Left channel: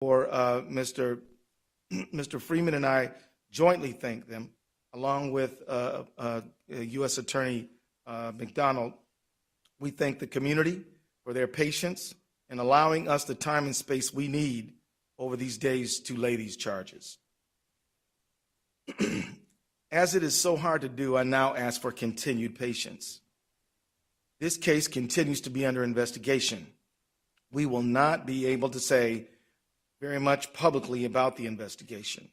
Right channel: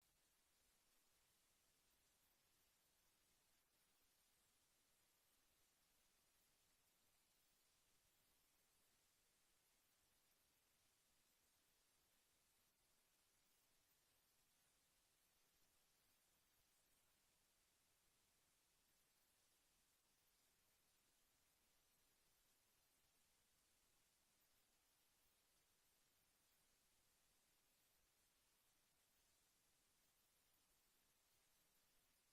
for Mr. Freeman and I jointly thank them, along with U.S. Attorney McDonald. We thank the community for their patience in allowing us the time and space we need over these days to lay these charges. As it is so hard to do, I now ask for continued patience. This case continues to be under investigation. We will not be able to say very much publicly about the investigation,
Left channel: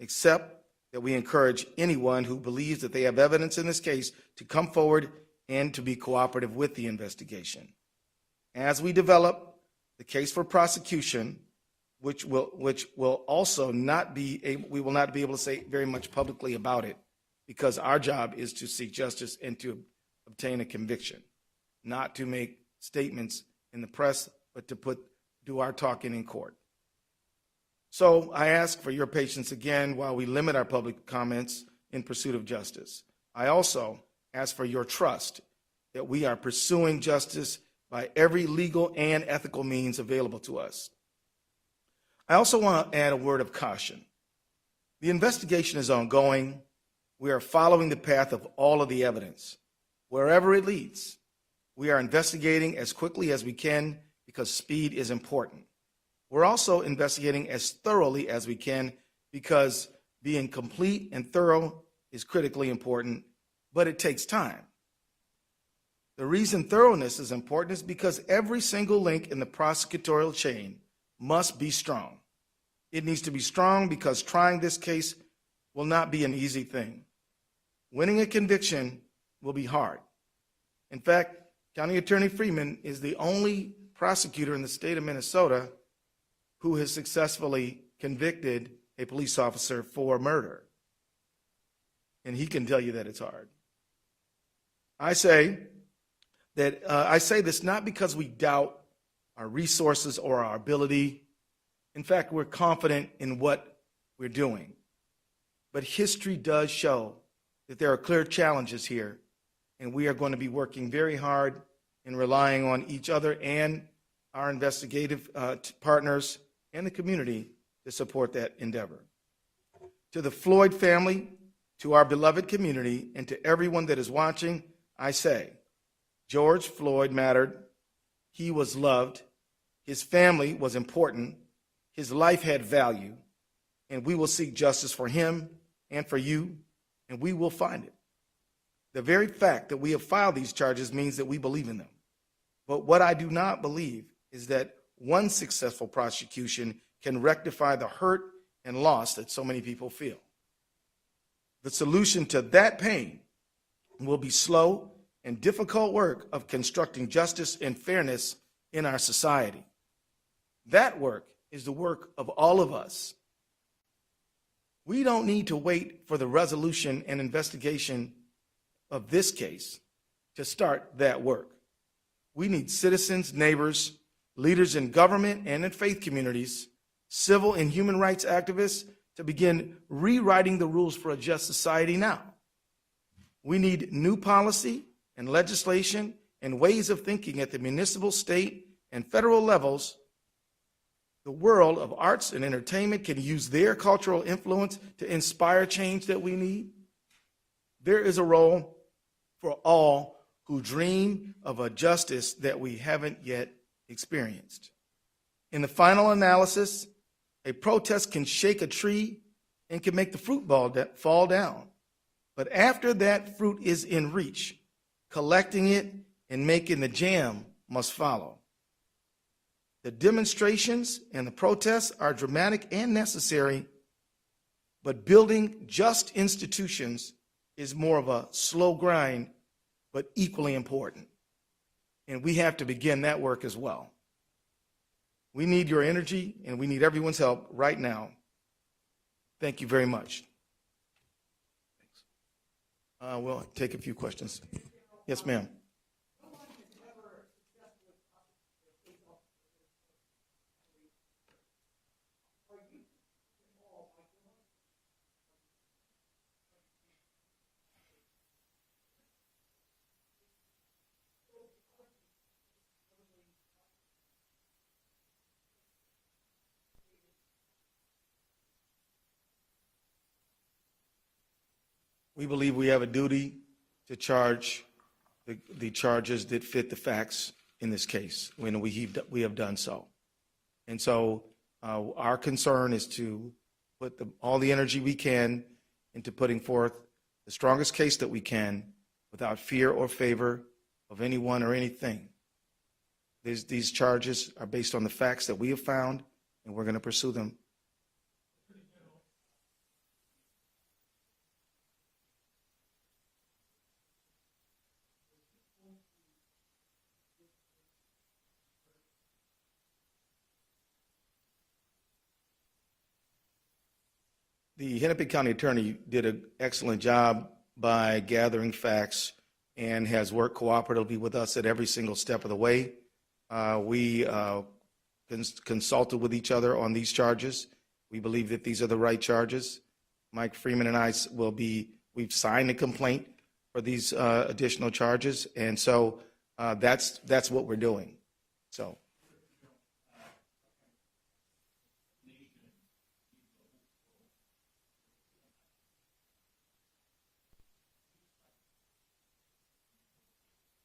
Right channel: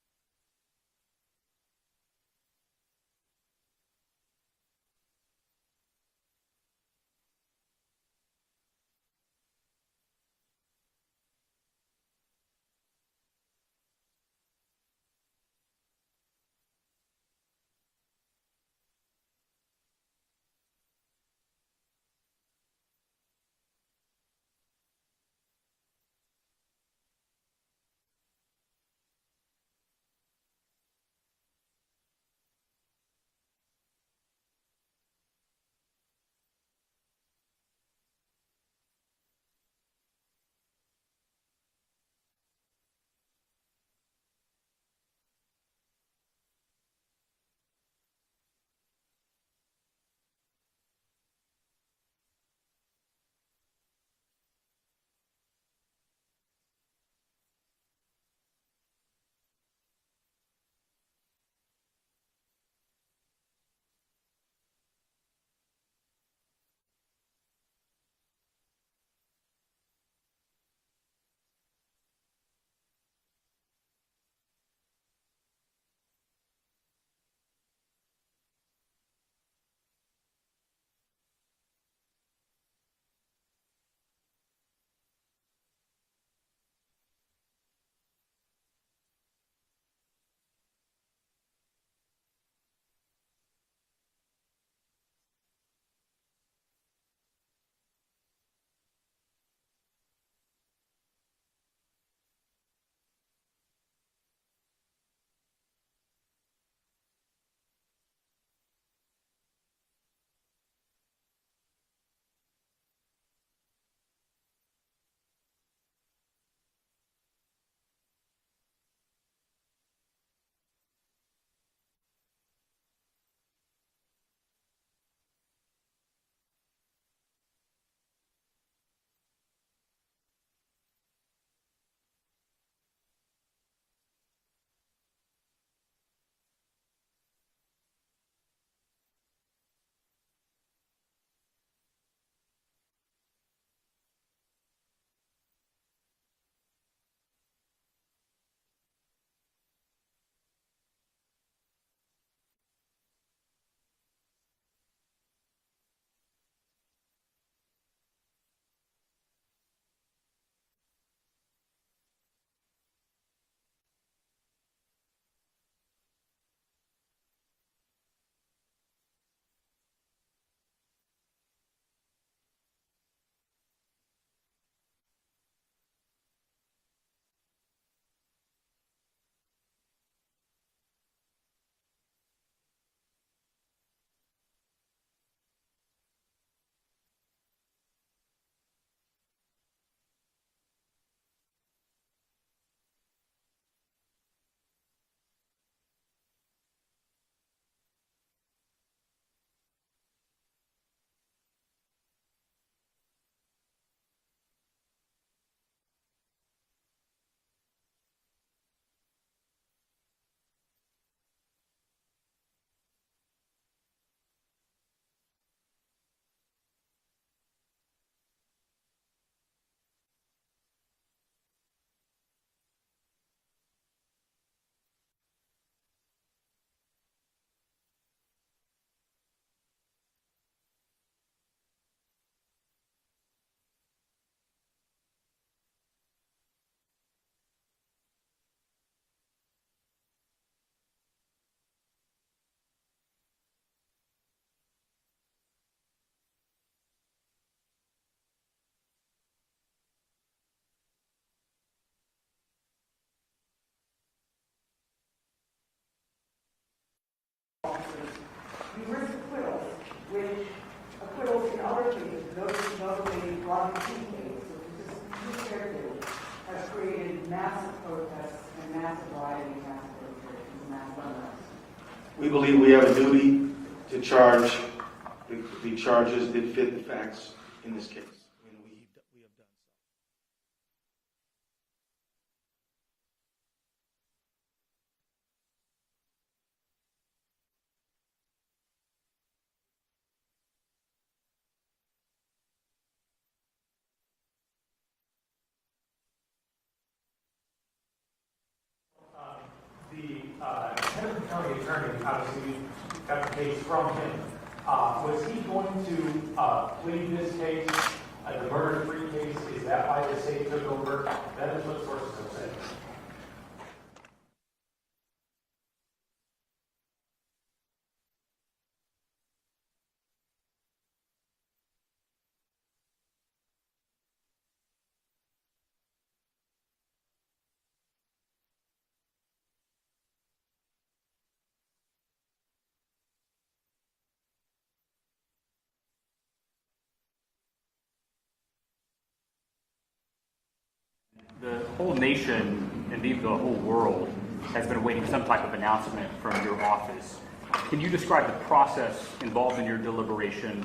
except that we encourage anyone who believes that they have evidence in this case to come forward and to be cooperative with the investigation. As we develop the case for prosecution, which will also not be able, we will not be able to say very much publicly about it, because our job is to seek justice and to obtain a conviction, not to make statements in the press, but to do our talking in court. So I ask for your patience again while we limit our public comments in pursuit of justice. I also ask for your trust that we are pursuing justice by every legal and ethical means available to us. I also want to add a word of caution. The investigation is ongoing. We are following the path of all of the evidence. Wherever it leads, we are investigating as quickly as we can because speed is important. We're also investigating as thoroughly as we can because being complete and thorough is critically important, but it takes time. The reason thoroughness is important is because every single link in the prosecutorial chain must be strong. It needs to be strong because trying this case will not be an easy thing. Winning a conviction will be hard. In fact, County Attorney Freeman is the only prosecutor in the state of Minnesota who has successfully convicted a police officer for murder. And he can tell you that it's hard. I say this not because we doubt our resources or our ability. In fact, we're confident in what we're doing. But history does show that there are clear challenges here, and we are going to be working very hard in relying on each other and our investigative partners and the community to support that endeavor. To the Floyd family, to our beloved community, and to everyone that is watching, I say, George Floyd mattered. He was loved. His family was important. His life had value, and we will seek justice for him and for you, and we will find it. The very fact that we have filed these charges means that we believe in them. But what I do not believe is that one successful prosecution can rectify the hurt and loss that so many people feel. The solution to that pain will be slow and difficult work of constructing justice and fairness in our society. That work is the work of all of us. We don't need to wait for the resolution and investigation of this case to start that work. We need citizens, neighbors, leaders in government and in faith communities, civil and human rights activists to begin rewriting the rules for a just society now. We need new policy and legislation and ways of thinking at the municipal, state, and federal levels. The world of arts and entertainment can use their cultural influence to inspire change that we need. There is a role for all who dream of a justice that we haven't yet experienced. In the final analysis, a protest can shake a tree and can make the fruit fall down. But after that fruit is in reach, collecting it and making the jam must follow. The demonstrations and the protests are dramatic and necessary, but building just institutions is more of a slow grind, but equally important. And we have to begin that work as well. We need your energy and we need everyone's help right now. Thank you very much. We'll take a few questions. Yes, ma'am. Numerous acquittals, which acquittals in other cases, notably Rodney King case, which is just has created massive protests and massive rioting, massive demonstrations, massive unrest. We believe we have a duty to charge the charges that fit the facts in this case when we have done so. And so our concern is to put all the energy we can into putting forth the strongest case that we can without fear or favor of anyone or anything. These charges are based on the facts that we have found, and we're going to pursue them. The Henry County attorney, obviously, you got the case from him. Was he going to plead this case as a murder-free case? Is that why the state took over? That is what sources have said. The Hennepin County attorney did an excellent job by gathering facts and has worked cooperatively with us at every single step of the way. We consulted with each other on these charges. We believe that these are the right charges. Mike Freeman and I we've signed a complaint for these additional charges, and so that's what we're doing. So the whole nation, indeed the whole world, has been awaiting some type of announcement from your office. Can you describe the process involved in your deliberation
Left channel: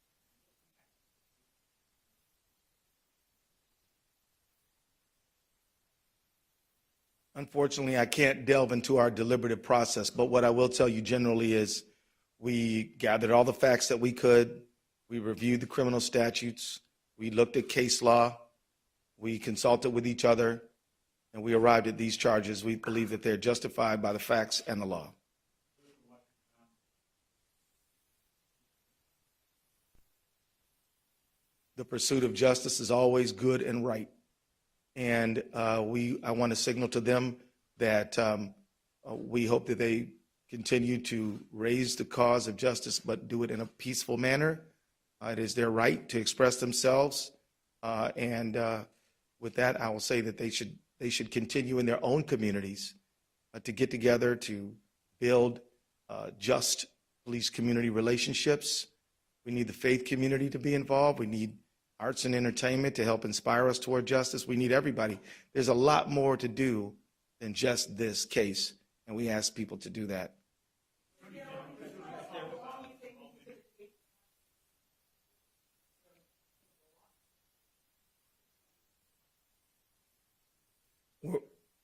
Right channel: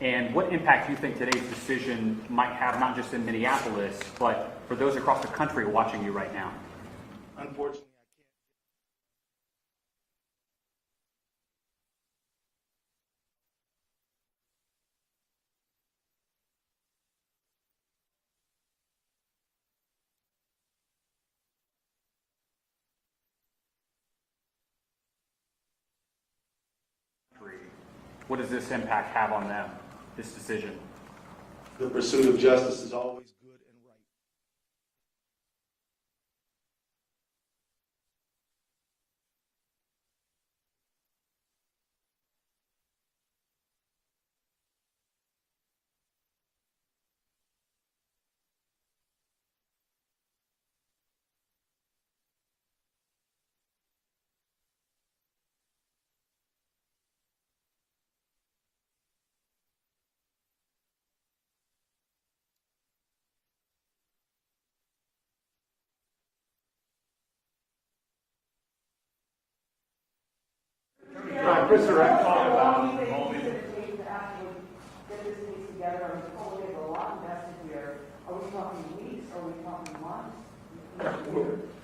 and what impact you think today's decision might have, not just in Minneapolis, but for those across the country watching you right now? unfortunately, I can't delve into our deliberative process, but what I will tell you generally is we gathered all the facts that we could. We reviewed the criminal statutes. We looked at case law. We consulted with each other, and we arrived at these charges. We believe that they're justified by the facts and the law. What does this impact have on them, this decision? The pursuit of justice is always good and right. And I want to signal to them that we hope that they continue to raise the cause of justice, but do it in a peaceful manner. It is their right to express themselves. And with that, I will say that they should continue in their own communities to get together to build just police community relationships. We need the faith community to be involved. We need arts and entertainment to help inspire us toward justice. We need everybody. There's a lot more to do than just this case, and we ask people to do that.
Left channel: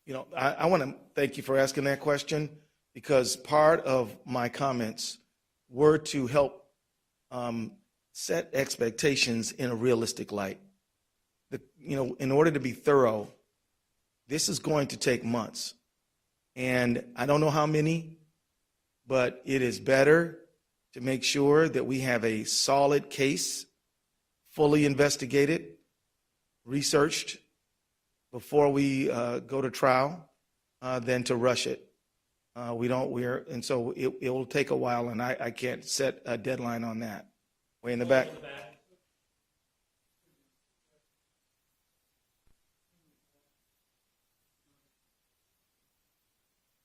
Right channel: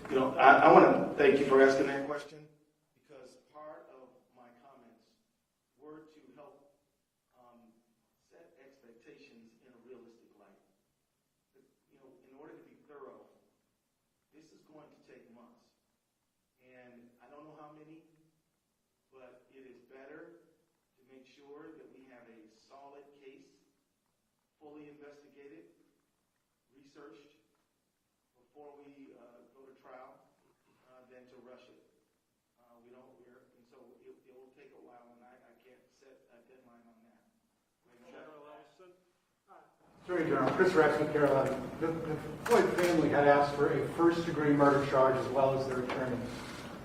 You know, I want to thank you for asking that question, because part of my comments were to help set expectations in a realistic light. In order to be thorough, this is going to take months. And I don't know how many, but it is better to make sure that we have a solid case, fully investigated, researched before we go to trial than to rush it. And so it will take a while, and I can't set a deadline on that. Way in the back. Attorney General, Chris Rex with Carolina. The Floyd family had asked for a first-degree murder charge as well as their attorney.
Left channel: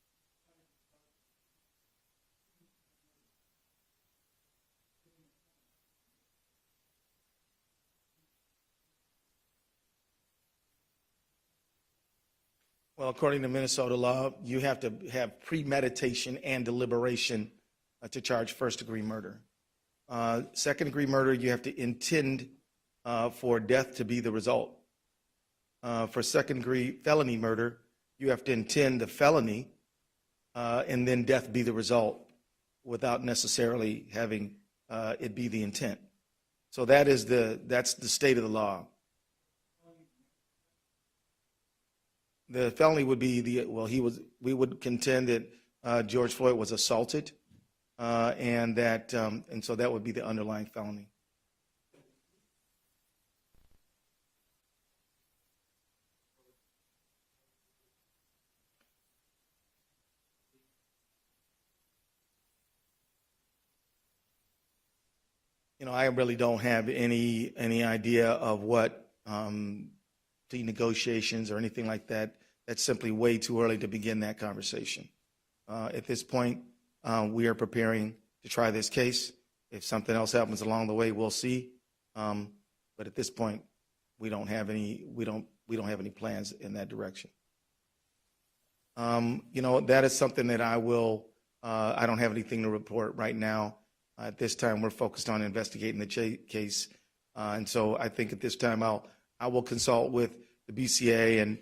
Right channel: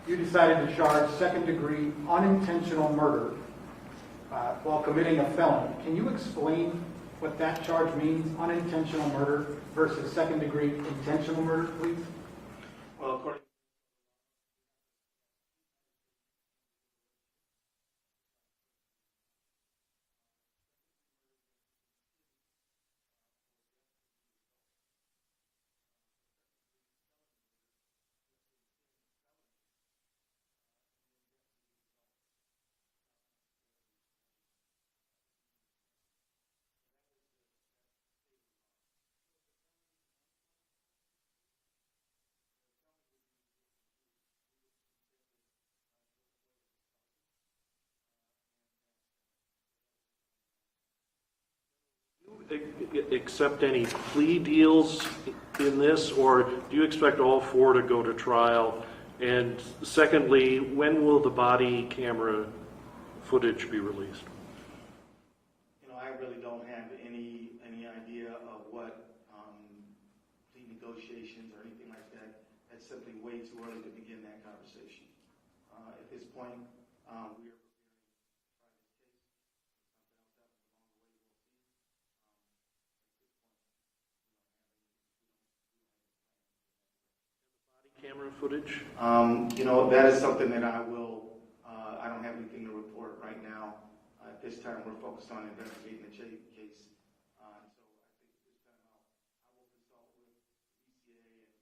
You decided to charge second-degree unintentional murder while committing a felony. Can you explain what that charge means, unintentional murder versus second-degree intentional murder, please? Well, according to Minnesota law, you have to have premeditation and deliberation to charge first-degree murder. Second-degree murder, you have to intend for death to be the result. For second-degree felony murder, you have to intend the felony and then death be the result without necessarily having it be the intent. So that's the state of the law. The felony would be we would contend that George Floyd was assaulted, and so that would be the underlying felony. Do you accept any plea deals in this, or do you expect all four to go to trial? And secondly, when will the body camera footage be released? I really don't have any idea of what plea negotiations or anything like that. That's simply way too early to begin that conversation. At this point, we are preparing to try this case. If something else happens along the way, we'll see. But at this point, we don't we don't have any plans in that direction. Camera footage? That is something that I don't have anything to report right now. At this time, we're focused on investigating the case. And so I think at this time, I will consult with the BCA and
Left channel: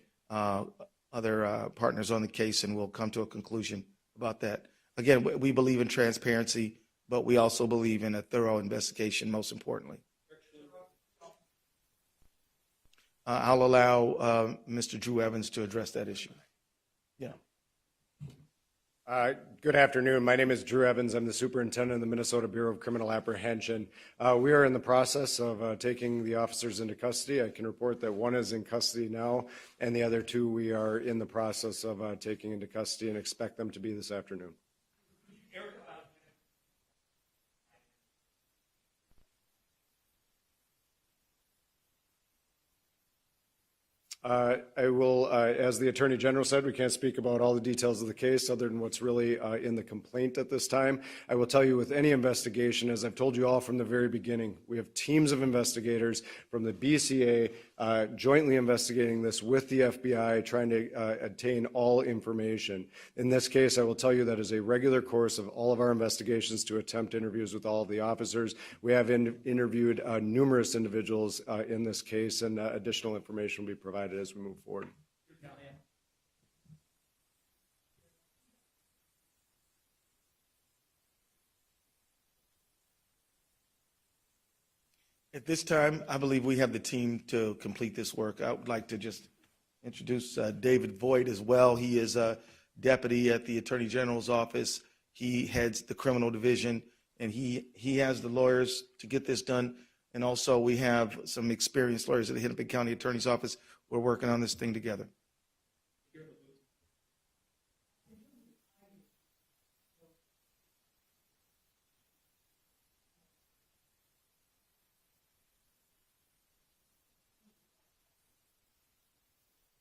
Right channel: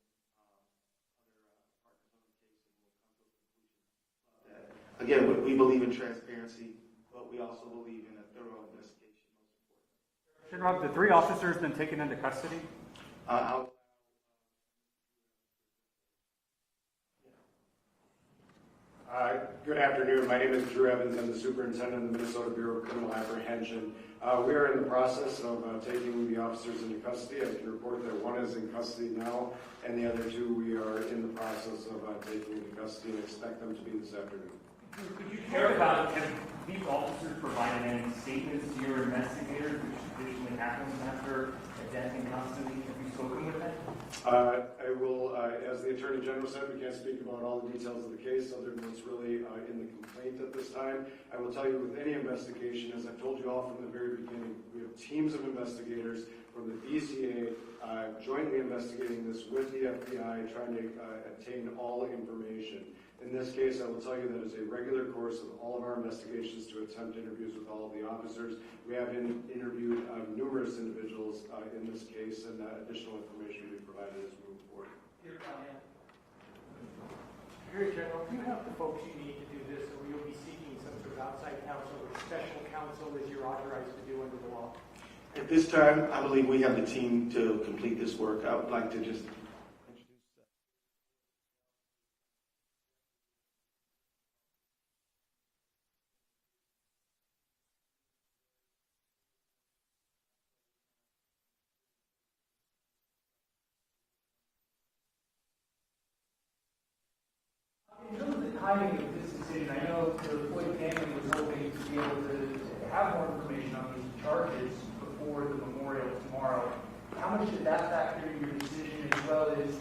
other partners on the case, and we'll come to a conclusion about that. Again, we believe in transparency, but we also believe in a thorough investigation, most importantly. General, have the 3 officers been taken into custody? I'll allow Mr. Drew Evans to address that issue. Yeah. Good afternoon. My name is Drew Evans. I'm the superintendent of the Minnesota Bureau of Criminal Apprehension. We are in the process of taking the officers into custody. I can report that 1 is in custody now, and the other 2 we are in the process of taking into custody and expect them to be this afternoon. Could you care about, have these officers provided any statements to your investigators, which traditionally happens after a death in custody? Have you spoken with them? I will, as the Attorney General said, we can't speak about all the details of the case other than what's really in the complaint at this time. I will tell you with any investigation, as I've told you all from the very beginning, we have teams of investigators from the BCA jointly investigating this with the FBI, trying to obtain all information. In this case, I will tell you that is a regular course of all of our investigations to attempt interviews with all of the officers. We have interviewed numerous individuals in this case, and additional information will be provided as we move forward. Attorney General, do you have the folks you need to do this, or you'll be seeking some sort of outside counsel or special counsel as you're authorized to do under the law? At this time, I believe we have the team to complete this work. I would like to just introduce David Voigt as well. He is a deputy at the Attorney General's office. He heads the criminal division, and he has the lawyers to get this done. And also, we have some experienced lawyers at the Hennepin County Attorney's Office. We're working on this thing together. In terms of the timing of this decision, I know the Floyd family was hoping to be able to have more information on these charges before the memorial tomorrow. How much did that factor in your decision, as well as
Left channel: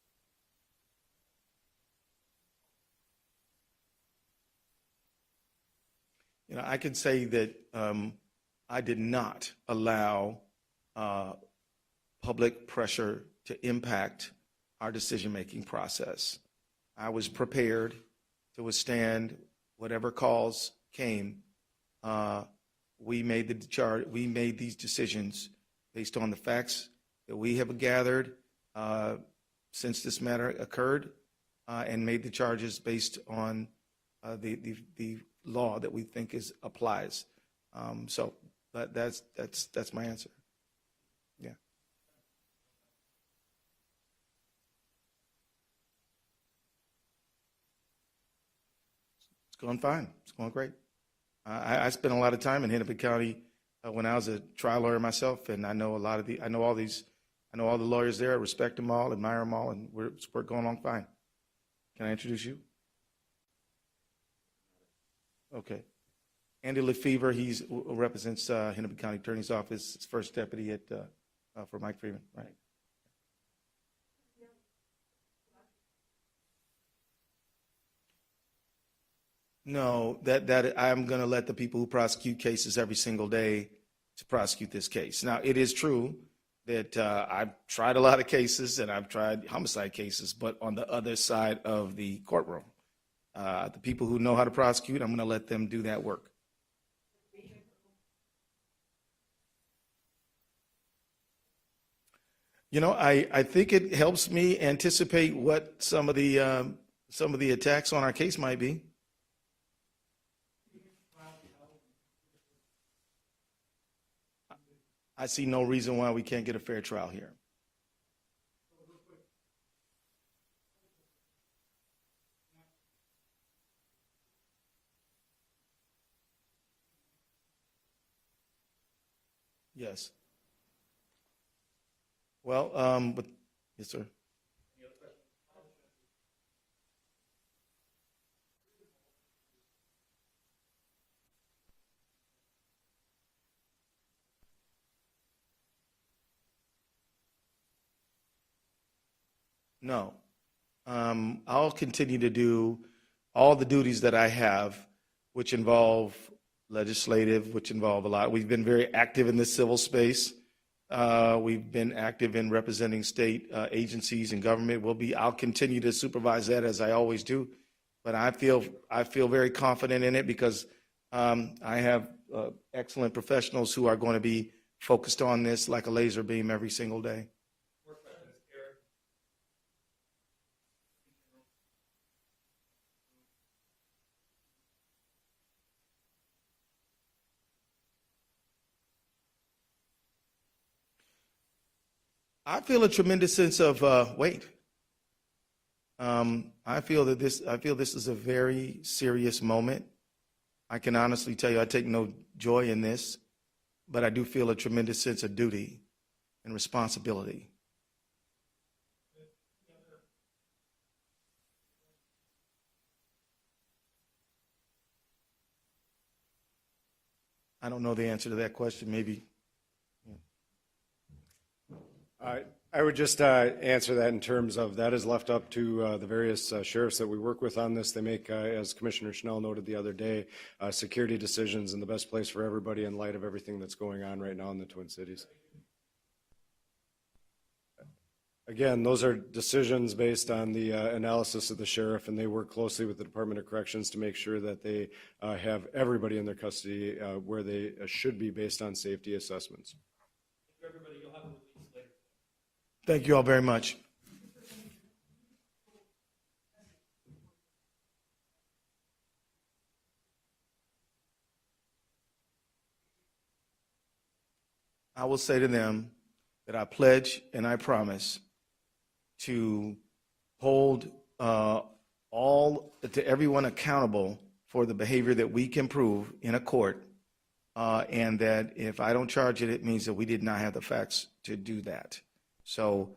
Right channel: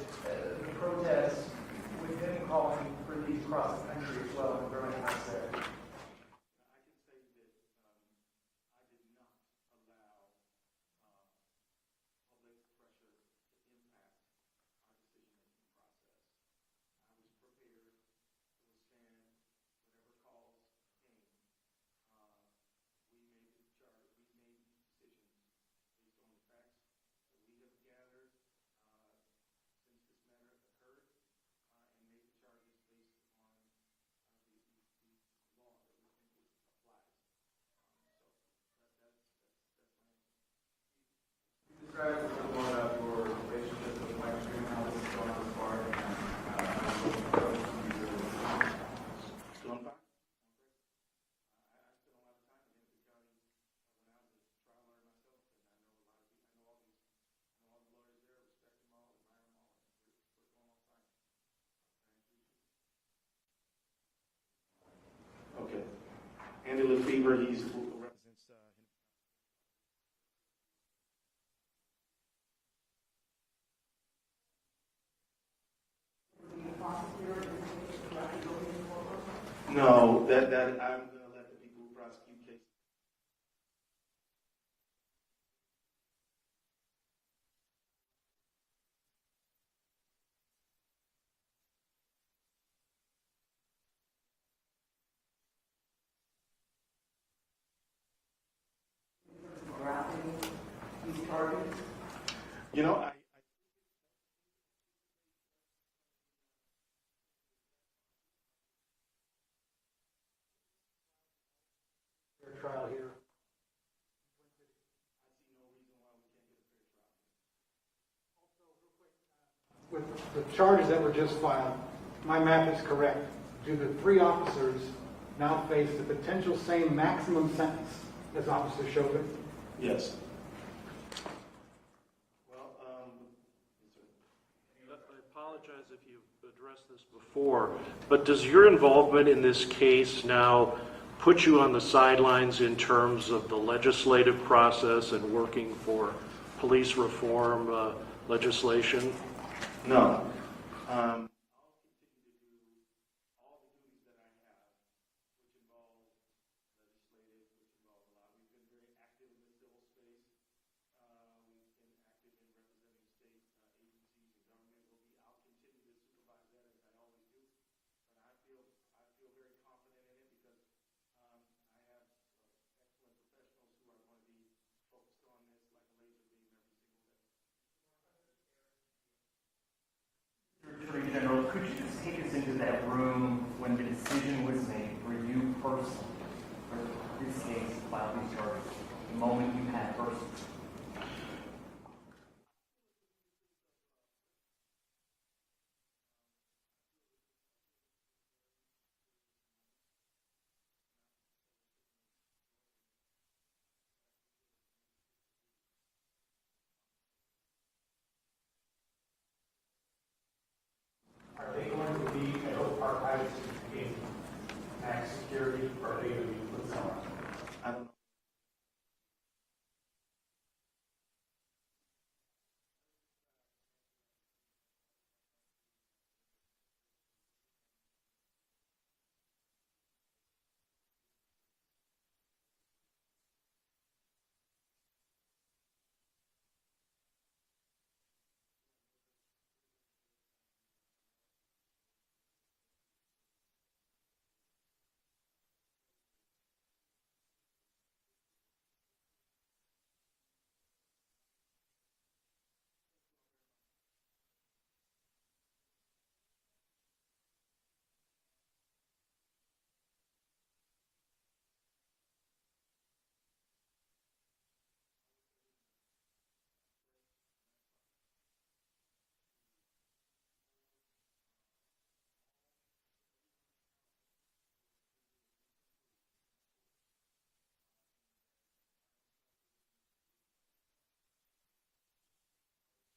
the protests with them calling for these across the country as well and growing out there? I can say that I did not allow public pressure to impact our decision-making process. I was prepared to withstand whatever calls came. We made these decisions based on the facts that we have gathered since this matter occurred, and made the charges based on the law that we think applies. So that's my answer. Yeah. It's going fine. It's going great. I spent a lot of time in Hennepin County when I was a trial lawyer myself, and I know all the lawyers there. I respect them all, admire them all, and we're going on fine. Can I introduce you? Okay. Andy Lefebvre, he represents Hennepin County Attorney's Office, his first deputy for Mike Freeman, right? No, that I'm going to let the people who prosecute cases every single day to prosecute this case. Now, it is true that I've tried a lot of cases, and I've tried homicide cases, but on the other side of the courtroom. The people who know how to prosecute, I'm going to let them do that work. I think it helps me anticipate what some of the attacks on our case might be. I see no reason why we can't get a fair trial here. With the charges that were just filed, my math is correct. Do the 3 officers now face the potential same maximum sentence as Officer Chauvin? Yes. Well, yes, sir. I apologize if you've addressed this before, but does your involvement in this case now put you on the sidelines in terms of the legislative process and working for police reform legislation? No. I'll continue to do all the duties that I have, which involve legislative, which involve a lot. We've been very active in the civil space. We've been active in representing state agencies and government. I'll continue to supervise that as I always do. But I feel very confident in it because I have excellent professionals who are going to be focused on this like a laser beam every single day. Attorney General, could you just take us into that room when the decision was made for you personally, for this case, to file these charges, the moment you had personally? I feel a tremendous sense of weight. I feel this is a very serious moment. I can honestly tell you I take no joy in this, but I do feel a tremendous sense of duty and responsibility. Are they going to be archived in max security, or are they going to be put somewhere? I don't know the answer to that question. Maybe. I would just answer that in terms of that is left up to the various sheriffs that we work with on this. They make, as Commissioner Schnell noted the other day, security decisions in the best place for everybody in light of everything that's going on right now in the Twin Cities. Again, those are decisions based on the analysis of the sheriff, and they work closely with the Department of Corrections to make sure that they have everybody in their custody where they should be based on safety assessments. Thank you all very much. I will say to them that I pledge and I promise to hold everyone accountable for the behavior that we can prove in a court, and that if I don't charge it, it means that we did not have the facts to do that. So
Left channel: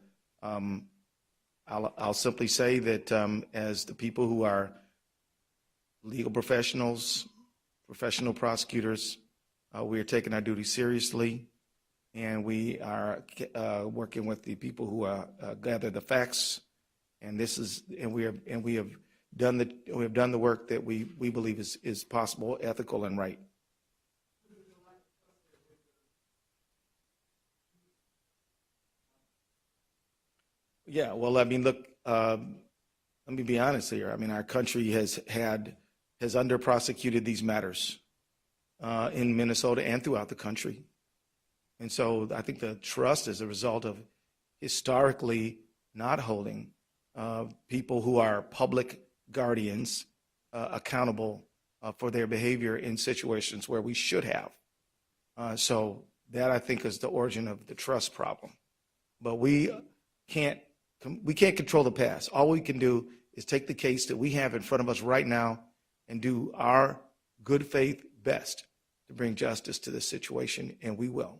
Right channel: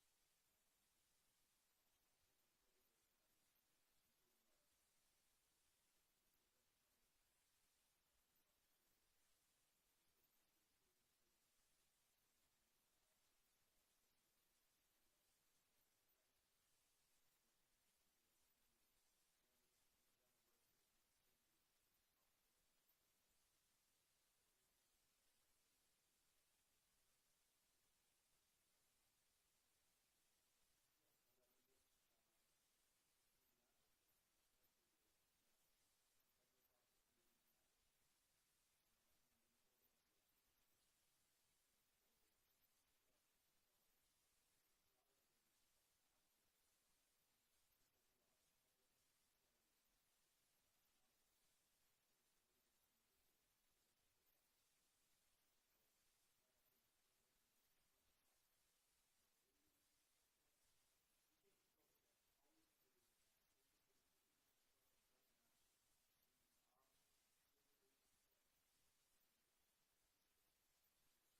I'll simply say that as the people who are legal professionals, professional prosecutors, we are taking our duty seriously, and we are working with the people who gather the facts, and we have done the work that we believe is possible, ethical, and right. Yeah, well, I mean, look, let me be honest here. I mean, our country has under-prosecuted these matters in Minnesota and throughout the country. And so I think the trust is a result of historically not holding people who are public guardians accountable for their behavior in situations where we should have. So that, I think, is the origin of the trust problem. But we can't control the past. All we can do is take the case that we have in front of us right now and do our good faith best to bring justice to this situation, and we will.